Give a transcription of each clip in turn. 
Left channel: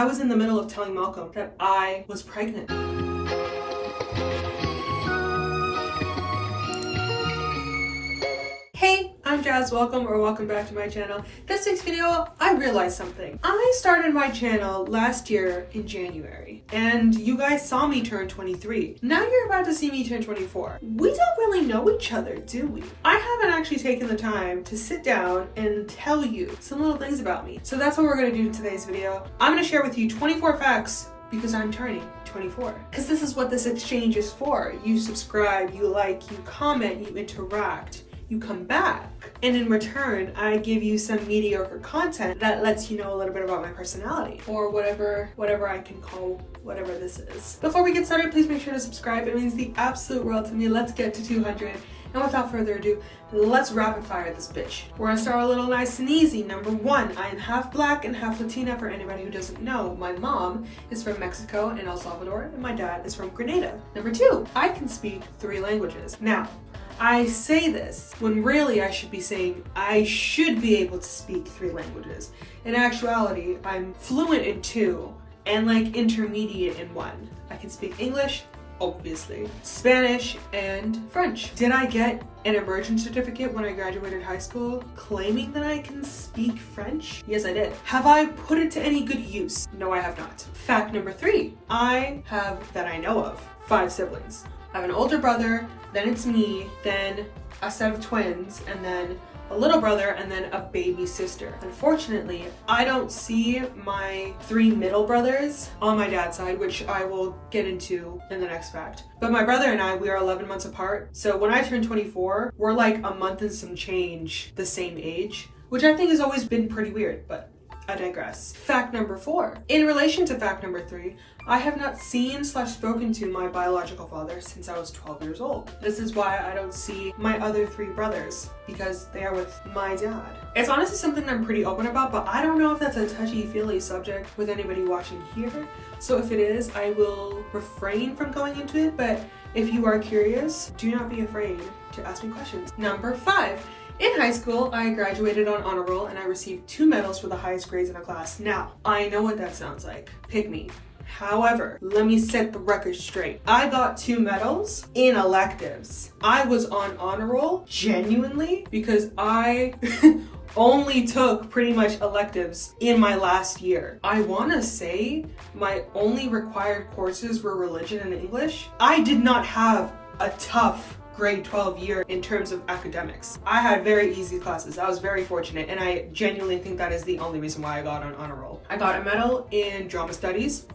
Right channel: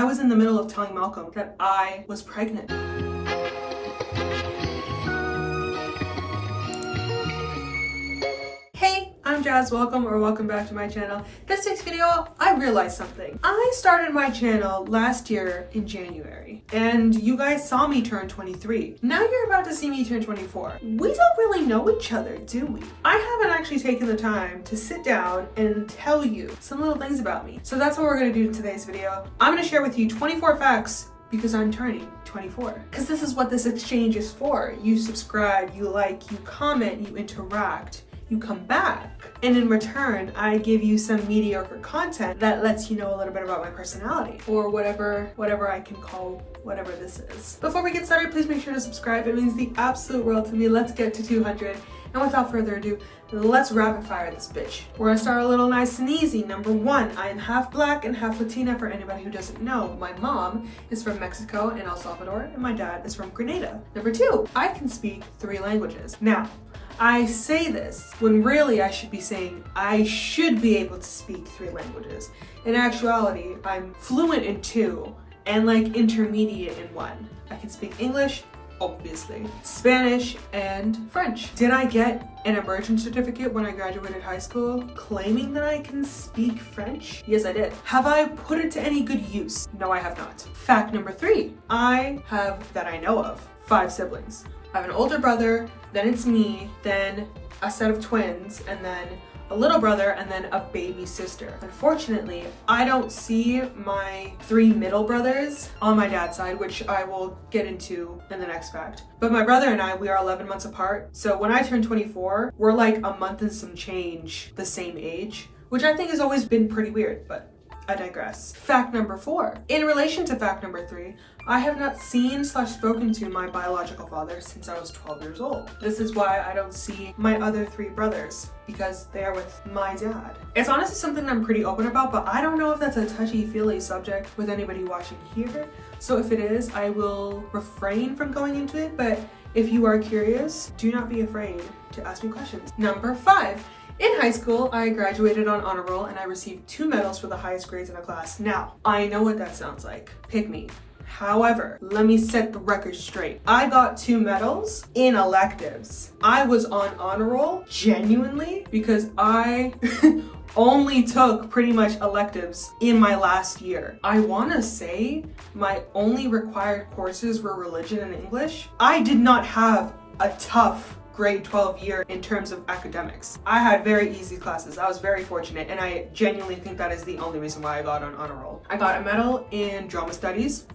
I was in the middle of telling Malcolm that I was pregnant. Hey, I'm Jazz. Welcome back to my channel. This week's video, I realized something. I started my channel last year in January, and you guys saw me turn 23. Now you're about to see me turn 24. We don't really know each other, do we? I haven't actually taken the time to sit down and tell you some little things about me. So that's what we're gonna do in today's video. I'm gonna share with you 24 facts because I'm turning 24. Because this is what this exchange is for. You subscribe, you like, you comment, you interact. You come back, and in return, I give you some mediocre content that lets you know a little bit about my personality, or whatever I can call whatever this is. Before we get started, please make sure to subscribe. It means the absolute world to me. Let's get to 200. And without further ado, let's rapid fire this bitch. We're gonna start a little nice and easy. Number one, I am half black and half Latina. For anybody who doesn't know, my mom is from Mexico and El Salvador, and my dad is from Grenada. Number two, I can speak 3 languages. Now, I say this when really I should be saying I should be able to speak 3 languages. In actuality, I'm fluent in 2 and like intermediate in 1. I can speak English, obviously, Spanish, and French. Did I get an immersion certificate when I graduated high school claiming that I can speak French? Yes, I did. Have I put it to any good use? No, I have not. Fact number 3, I have, that I know of, 5 siblings. I have an older brother, then it's me, then a set of twins, and then a little brother, and then a baby sister. Unfortunately, I don't see my 3 middle brothers on my dad's side, which I will get into in the next fact. But my brother and I, we are 11 months apart. So when I turn 24, we're like a month and some change the same age, which I think has always been pretty weird, but I digress. Fact number 4. In relation to fact number 3, I have not seen/spoken to my biological father since I was 12 years old. This is why I don't see my other 3 brothers, because they are with my dad. It's honestly something I'm pretty open about, but I don't know if that's a touchy-feely subject with anybody watching here. So if it is, I will refrain from going into it, but if you are curious, do not be afraid to ask me questions. Number 5. In high school, I graduated on honor roll and I received 2 medals for the highest grades in a class. Now, I know what that sounds like. Pick me. However, let me set the record straight. I got 2 medals in electives. I was on honor roll genuinely because I only took pretty much electives in my last year. I want to say my only required courses were religion and English. I did not have a tough grade 12 year in terms of academics. I had very easy classes. I was very fortunate, and I genuinely think that is the only reason why I got on honor roll. I got a medal in drama studies,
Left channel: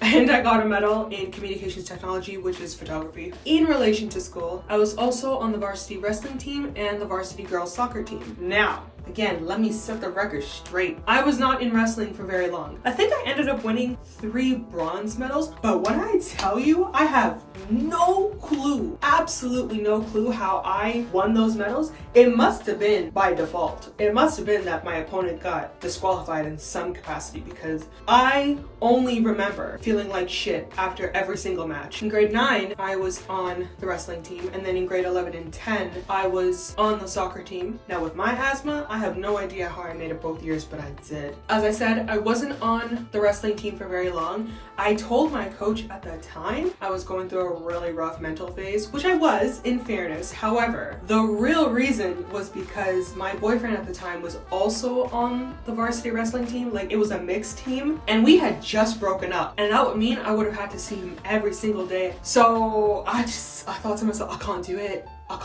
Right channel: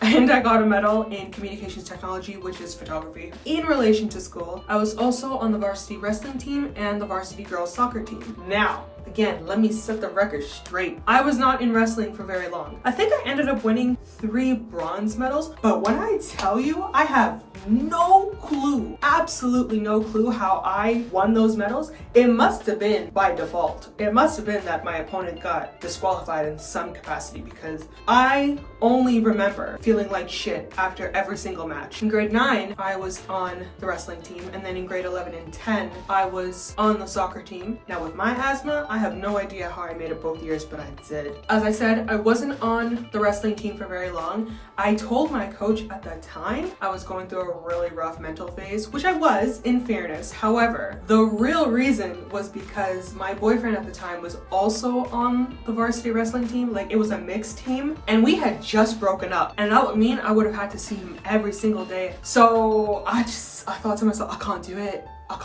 and I got a medal in communications technology, which is photography. In relation to school, I was also on the varsity wrestling team and the varsity girls soccer team. Now, again, let me set the record straight. I was not in wrestling for very long. I think I ended up winning 3 bronze medals, but when I tell you, I have no clue, absolutely no clue how I won those medals. It must have been by default. It must have been that my opponent got disqualified in some capacity, because I only remember feeling like shit after every single match. In grade 9, I was on the wrestling team, and then in grade 11 and 10, I was on the soccer team. Now with my asthma, I have no idea how I made it both years, but I did. As I said, I wasn't on the wrestling team for very long. I told my coach at the time I was going through a really rough mental phase, which I was, in fairness. However, the real reason was because my boyfriend at the time was also on the varsity wrestling team. Like, it was a mixed team, and we had just broken up, and that would mean I would have had to see him every single day. So I thought to myself, I can't do it. I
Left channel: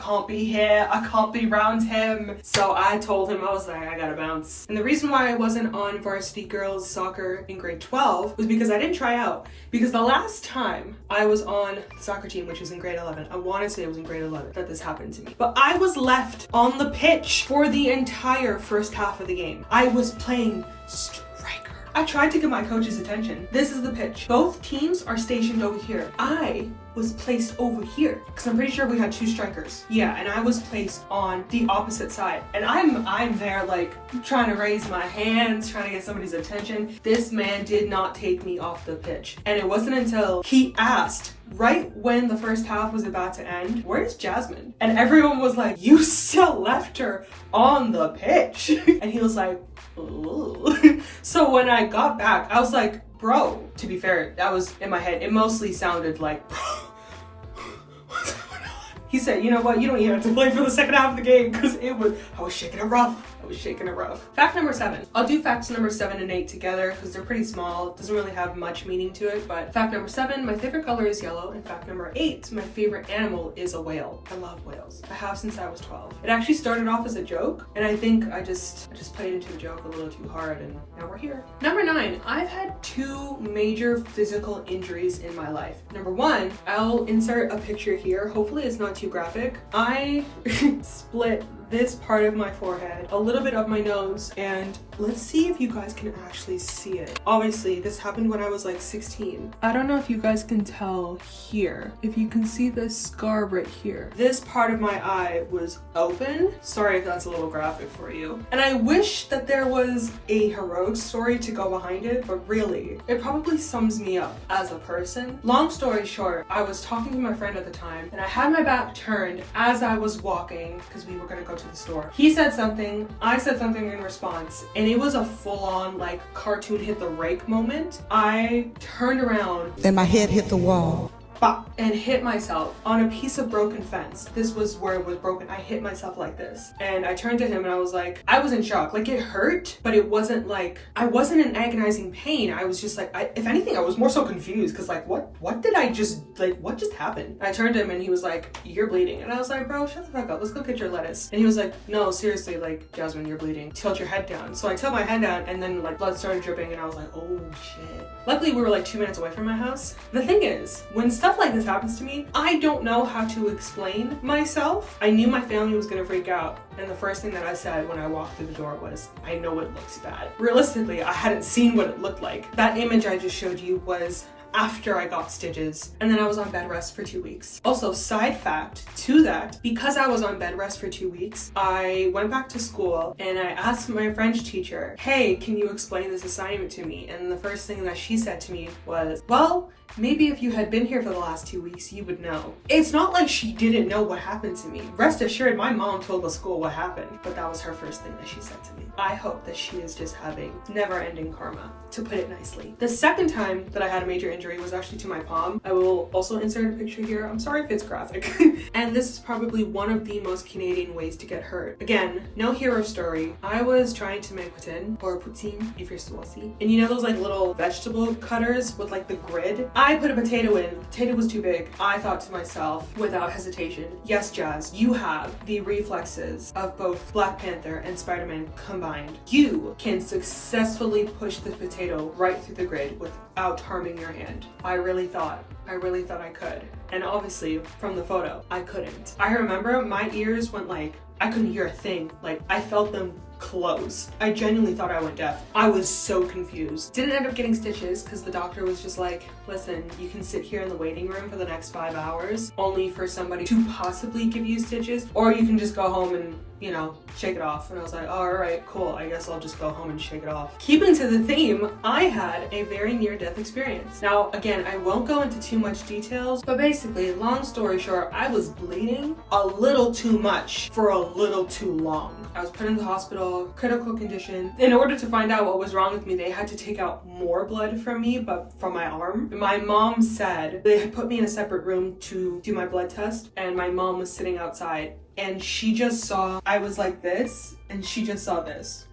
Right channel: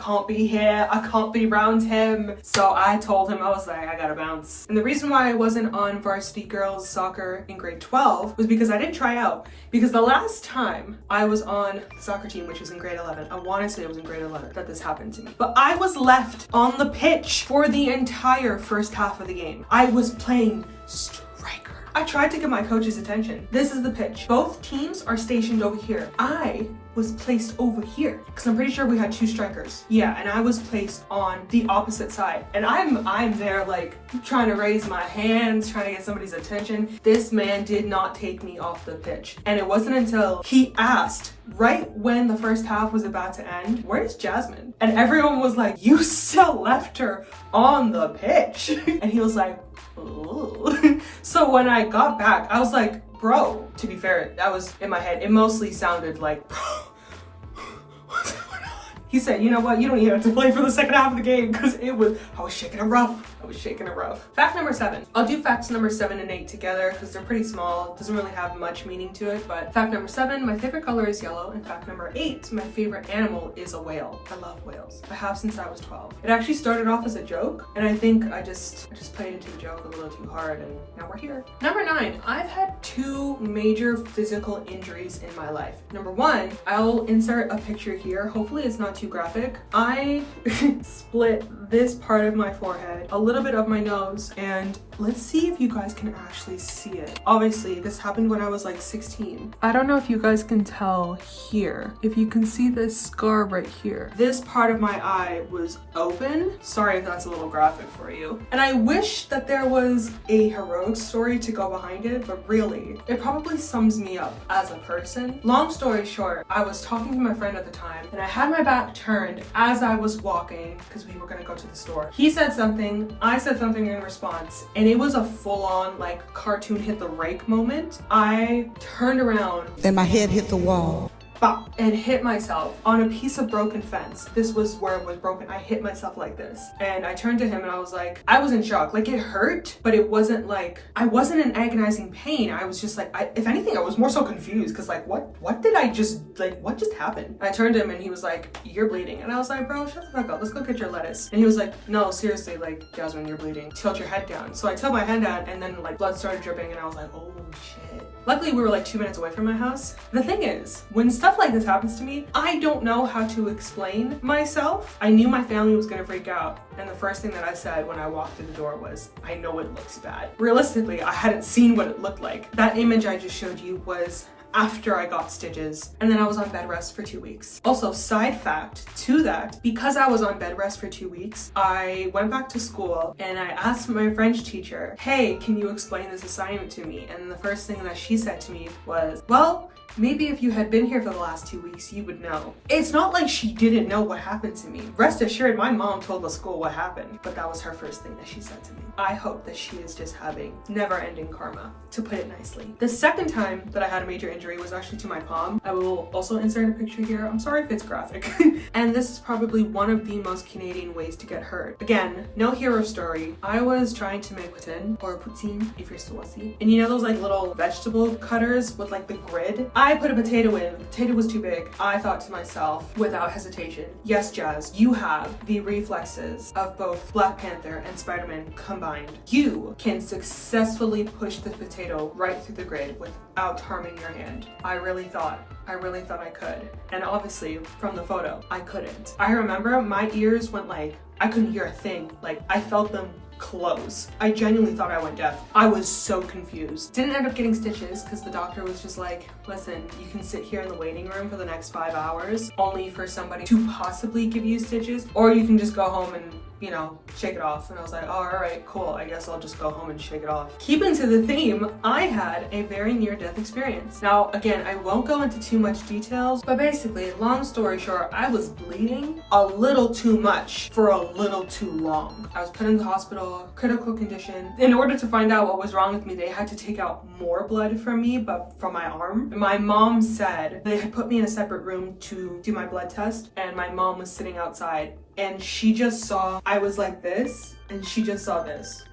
can't be here. I can't be around him. So I told him, I was like, I gotta bounce. And the reason why I wasn't on varsity girls soccer in grade 12 was because I didn't try out. Because the last time I was on the soccer team, which was in grade 11, I want to say it was in grade 11 that this happened to me. But I was left on the pitch for the entire first half of the game. I was playing striker. I tried to get my coach's attention. This is the pitch. Both teams are stationed over here. I was placed over here because I'm pretty sure we had 2 strikers. Yeah, and I was placed on the opposite side. And I'm there like trying to raise my hands, trying to get somebody's attention. This man did not take me off the pitch. And it wasn't until he asked, right when the first half was about to end, "Where's Jasmine?" And everyone was like, "You still left her on the pitch." And he was like, "Ooh." So when I I got back, I was like, bro, to be fair, that was in my head. It mostly sounded like, bro, what's going on? He said, you know what, you don't even have to play for the second half of the game because I was shaking it rough. Fact number 7. I'll do facts number 7 and 8 together because they're pretty small. It doesn't really have much meaning to it, but fact number 7, my favorite color is yellow, and fact number 8, my favorite animal is a whale. I love whales. I have since I was 12. It actually started off as a joke, and I think I just played into the joke a little too hard, and now we're here. Number 9, I've had 2 major physical injuries in my life. Number 1, I'll insert a picture here. Hopefully it's not too graphic. I split this part of my forehead, a little bit of my nose, and let's see if you guys can actually see it. Obviously, this happened when I was like 16. I don't know if you guys can tell here. If you can see this scar right here. This part of my eye was open. Sorry if that's a little graphic for you. And I wish that there was a heroic story to go behind it, but really, it probably sums me up as a person. Long story short, I was talking to my friend at the time, and I had my back turned as I was walking because we were gonna go to the store. He said something, I said something in response, and it was a full-on like cartoon hit the rake moment. I turned around and my head hit the wall. And hit myself on a piece of broken fence. This was where it was broken. I hit myself like this. And I turned to him and I was like, I was in shock. Like, it hurt, but it wasn't like, I wasn't in agonizing pain. I was just like, if anything, I was more so confused because like, what did I just, like, what just happened? And I turned to him and he was like, you're bleeding. And I was like, bro, shut the fuck up. Let's go get your lettuce. And he was like, no, seriously, like, Jasmine, you're bleeding. Tilt your head down. So I tilted my head down and then like blood started dripping and I was like, oh shit. Luckily, we were like 2 minutes away from my house. The thing is, when stuff like this happens to me, I don't know how to explain myself. I knew my family was gonna freak out. And the first thing that I said when I walked through the door was, I know it looks bad. Realistically, I hadn't seen what it looked like. That image I just showed you was after I got stitches, and then I was on bed rest for 2 weeks. Also, side fact to that, because I was on bed rest for 2 weeks, I went back to school and I asked my French teacher, hey, can you explain this assignment to me? And the first thing that she said to me was, well, maybe if you had been here for the last 2 weeks, you would know. It's not like she didn't know what happened to me. Rest assured, my mom told the school what happened, but that was her first thing that she said to me. I hope that she is just having never-ending karma, to put it nicely. The second time that I had a major injury was actually to my palm. I will also insert a picture here. I'm sorry if it's graphic. And this is probably one of the most Canadian ways to get hurt. Again, no hero story. I was trying to make poutine, or poutine if you're saucy. And you know those like little vegetable cutters with like the grid? I put a potato in. The potato was too big. I thought to myself, without hesitation, yes, Jazz, you have the reflexes of both Black Panther and Spider-Man combined. You can successfully push the potato right through the grid without harming your hand. I really thought I could. And obviously, from the photo, I couldn't. I remember my ears went like, I couldn't hear a thing. Like, I felt them close. I genuinely thought I went deaf. I was so confused. Didn't end up getting stitches because the doctor was just like, listen, you can sit here in the waiting room for the next 5 hours only for somebody to possibly give you stitches, or you can just go home and, you know, shake it off. And I was like, oh, all right, cool. I guess I'll just go home and shake it off. Keeping to the theme, I had a very near-death experience. Now, again, I won't go into too much details, but basically, long story short, I was bleeding a little too much for a little too long. I was put in the hospital, critical condition. In order to find out what was wrong with me, they had to take out more blood from me, but from my arm. My mom said they had put me in a separate room to do my blood test, and my mom was sitting outside, and she just saw I was like this, and she just saw this.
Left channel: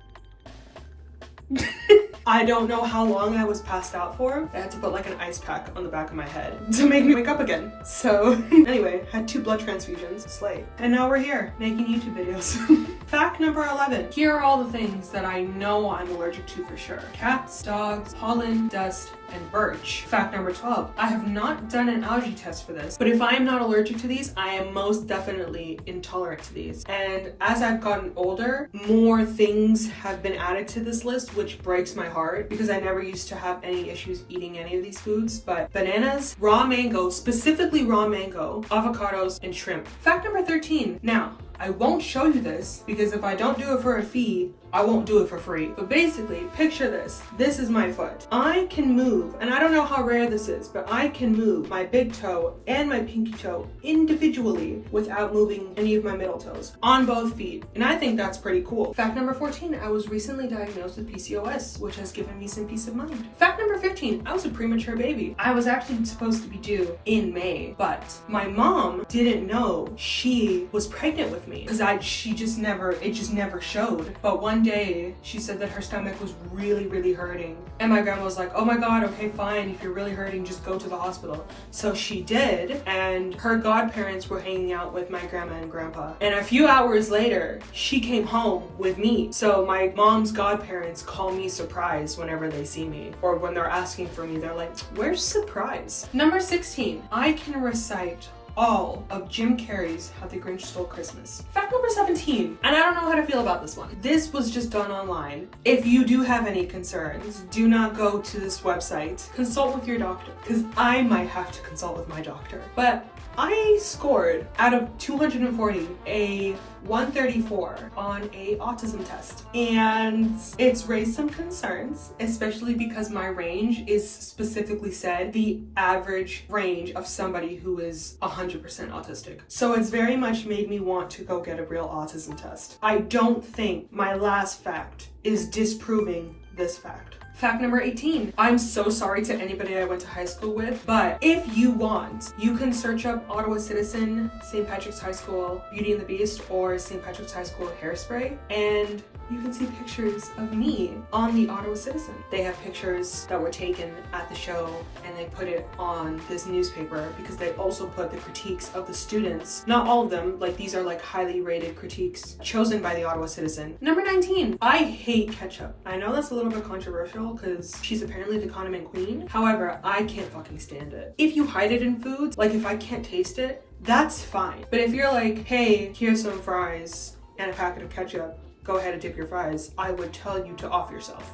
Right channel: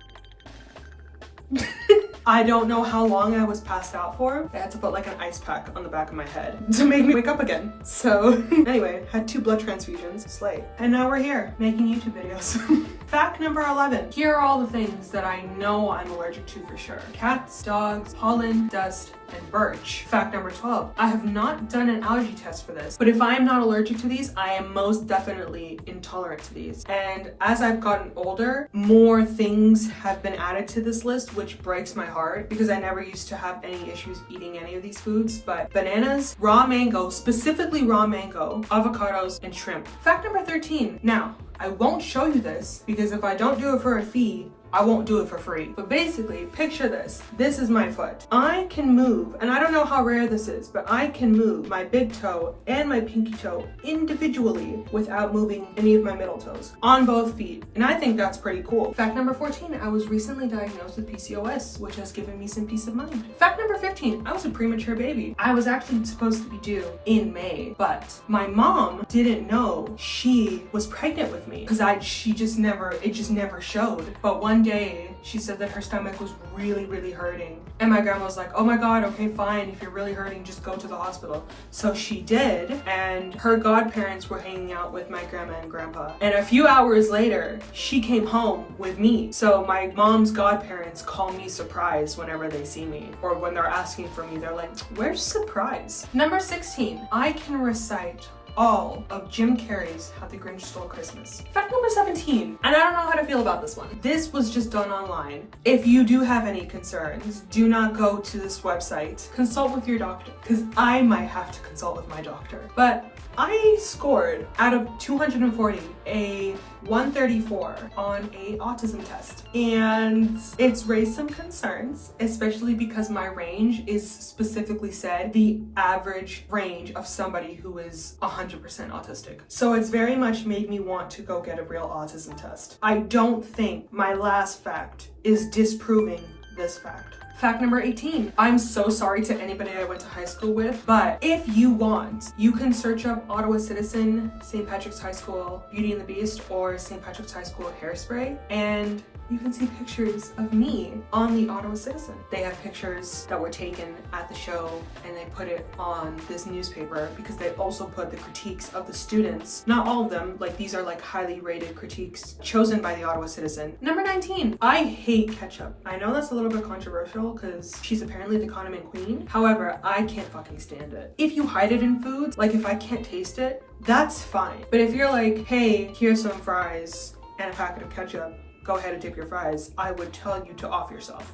I don't know how long I was passed out for. I had to put like an ice pack on the back of my head to make me wake up again. So anyway, had 2 blood transfusions, slay. And now we're here making YouTube videos. Fact number 11. Here are all the things that I know I'm allergic to for sure. Cats, dogs, pollen, dust, and birch. Fact number 12. I have not done an allergy test for this, but if I am not allergic to these, I am most definitely intolerant to these. And as I've gotten older, more things have been added to this list, which breaks my heart because I never used to have any issues eating any of these foods. But bananas, raw mango, specifically raw mango, avocados, and shrimp. Fact number 13. Now, I won't show you this because if I don't do it for a fee, I won't do it for free. But basically, picture this. This is my foot. I can move, and I don't know how rare this is, but I can move my big toe and my pinky toe individually without moving any of my middle toes on both feet. And I think that's pretty cool. Fact number 14, I was recently diagnosed with PCOS, which has given me some peace of mind. Fact number 15, I was a premature baby. I was actually supposed to be due in May, but my mom didn't know she was pregnant with me because it just never showed. But one day she said that her stomach was really hurting, and my grandma was like, oh my god, okay, fine, if you're really hurting, just go to the hospital. So she did, and her godparents were hanging out with my grandma and grandpa, and a few hours later she came home with me. So my mom's godparents call me Surprise whenever they see me, or when they're asking for me, they're like, where's Surprise? Number 16, I can recite all of Jim Carrey's How the Grinch Stole Christmas. Fact number 17, and I don't know how to feel about this one. This was just done online. If you do have any concerns, do not go to this website. Consult with your doctor, because I might have to consult with my doctor. But I scored out of 240 a 134 on a autism test, and it's raised some concerns, especially because my range is specifically said the average range of somebody who is 100% autistic. So it's very much made me want to go get a real autism test. I don't think my last fact is disproving this fact. Fact number 18. I'm so sorry to anybody I went to high school with, but if you want, you can search up Ottawa Citizen, St. Patrick's High School, Beauty and the Beast, or St. Patrick's High School Hairspray, and you can see pictures of me on the Ottawa Citizen. They have pictures that were taken at the show, and they put it on this newspaper because they also put the critiques of the students. Not all of them, like these are like highly rated critiques chosen by the Ottawa Citizen. Number 19, I hate ketchup. I know that's a little bit controversial because she's apparently the condiment queen. However, I can't fucking stand it. If you hide it in foods, like if I can't taste it, that's fine. But if you're like, hey, here's some fries and a packet of ketchup, go ahead and dip your fries, I would tell you to off yourself.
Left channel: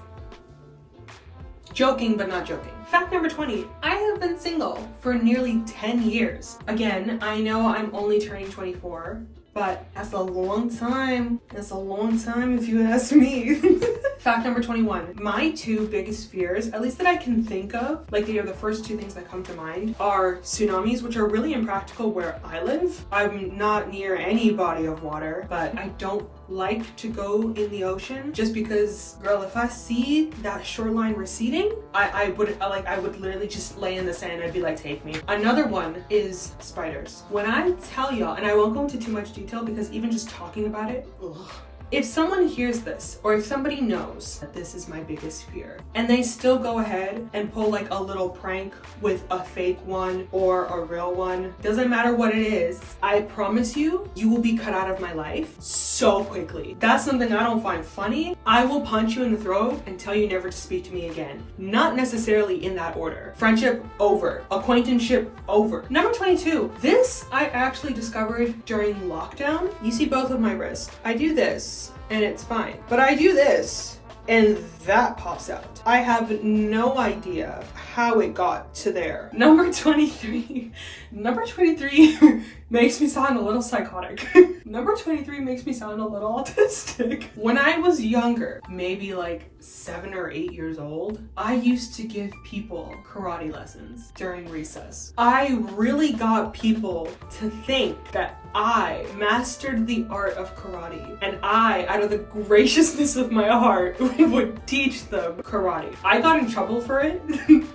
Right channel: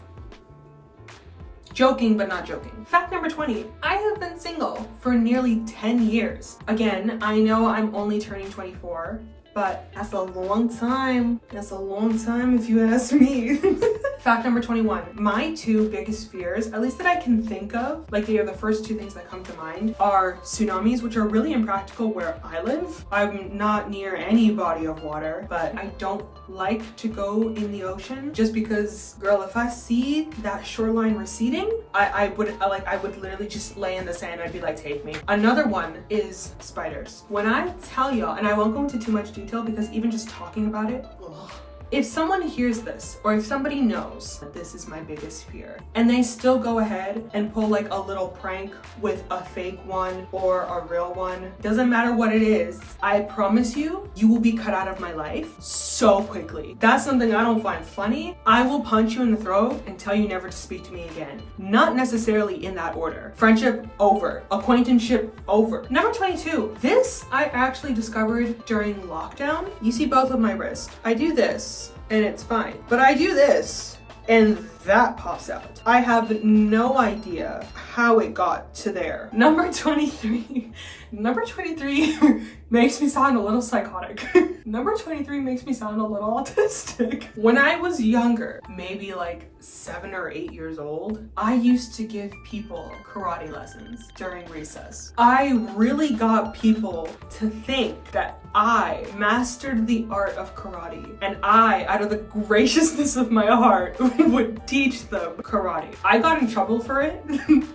Joking, but not joking. Fact number 20, I have been single for nearly 10 years. Again, I know I'm only turning 24, but that's a long time. That's a long time if you ask me. Fact number 21, my two biggest fears, at least that I can think of, like they are the first two things that come to mind, are tsunamis, which are really impractical where I live. I'm not near any body of water, but I don't like to go in the ocean just because, girl, if I see that shoreline receding, I would literally just lay in the sand. I'd be like, take me. Another one is spiders. When I tell y'all, and I won't go into too much detail because even just talking about it, ugh. If someone hears this, or if somebody knows that this is my biggest fear, and they still go ahead and pull like a little prank with a fake one or a real one, doesn't matter what it is, I promise you, you will be cut out of my life so quickly. That's something I don't find funny. I will punch you in the throat and tell you never to speak to me again. Not necessarily in that order. Friendship over. Acquaintanceship over. Number 22. This I actually discovered during lockdown. You see both of my wrists. I do this and it's fine. But I do this and that pops out. I have no idea how it got to there. Number 23. Number 23 makes me sound a little psychotic. Number 23 makes me sound a little autistic. When I was younger, maybe like 7 or 8 years old, I used to give people karate lessons during recess. I really got people to think that I mastered the art of karate, and I, out of the graciousness of my heart, would teach them karate. I got in trouble for it,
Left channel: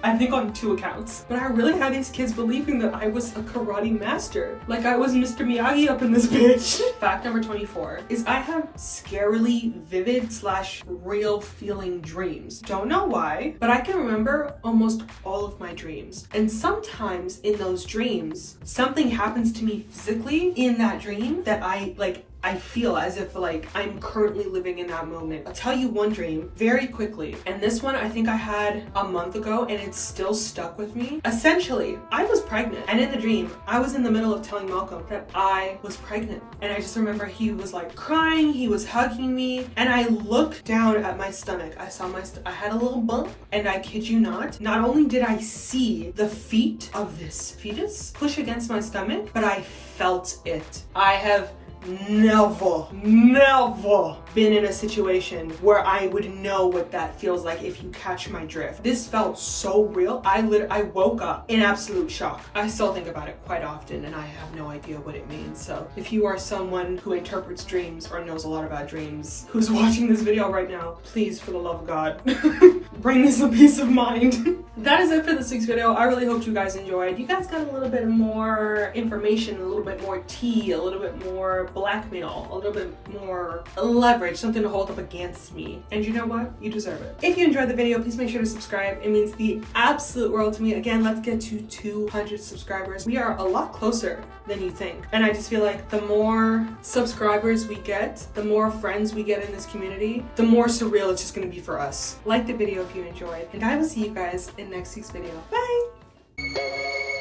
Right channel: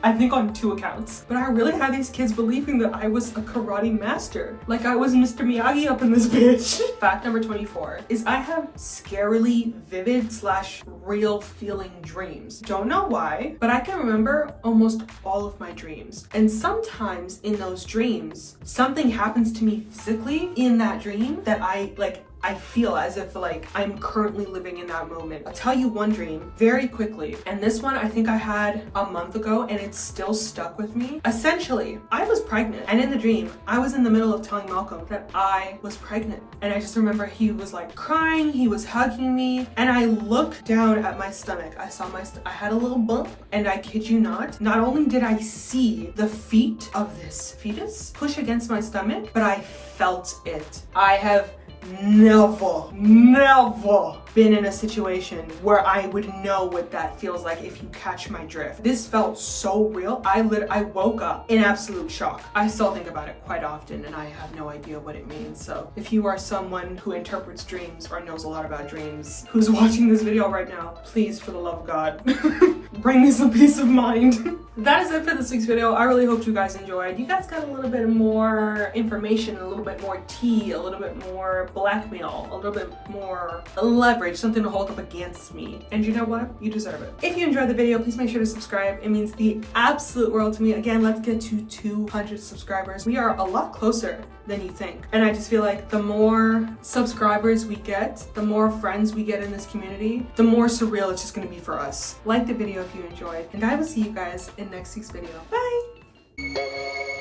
I think on 2 accounts, but I really had these kids believing that I was a karate master, like I was Mr. Miyagi up in this bitch. Fact number 24 is I have scarily vivid / real feeling dreams. Don't know why, but I can remember almost all of my dreams. And sometimes in those dreams, something happens to me physically in that dream that I feel as if like I'm currently living in that moment. I'll tell you one dream very quickly. And this one I think I had a month ago and it's still stuck with me. Essentially, I was pregnant. And in the dream, I was in the middle of telling Malcolm that I was pregnant. And I just remember he was like crying, he was hugging me. And I looked down at my stomach. I saw I had a little bump, and I kid you not only did I see the feet of this fetus push against my stomach, but I felt it. I have never been in a situation where I would know what that feels like, if you catch my drift. This felt so real. I woke up in absolute shock. I still think about it quite often and I have no idea what it means. So if you are someone who interprets dreams or knows a lot about dreams, who's watching this video right now, please, for the love of God, bring me some peace of mind. That is it for this week's video. I really hope you guys enjoyed. You guys got a little bit more information, a little bit more tea, a little bit more blackmail, a little bit more leverage, something to hold up against me. And you know what? You deserve it. If you enjoyed the video, please make sure to subscribe. It means the absolute world to me. Again, let's get to 200 subscribers. We are a lot closer than you think. And I just feel like the more subscribers we get, the more friends we get in this community, the more surreal it's just gonna be for us. Like the video if you enjoyed, and I will see you guys in next week's video. Bye!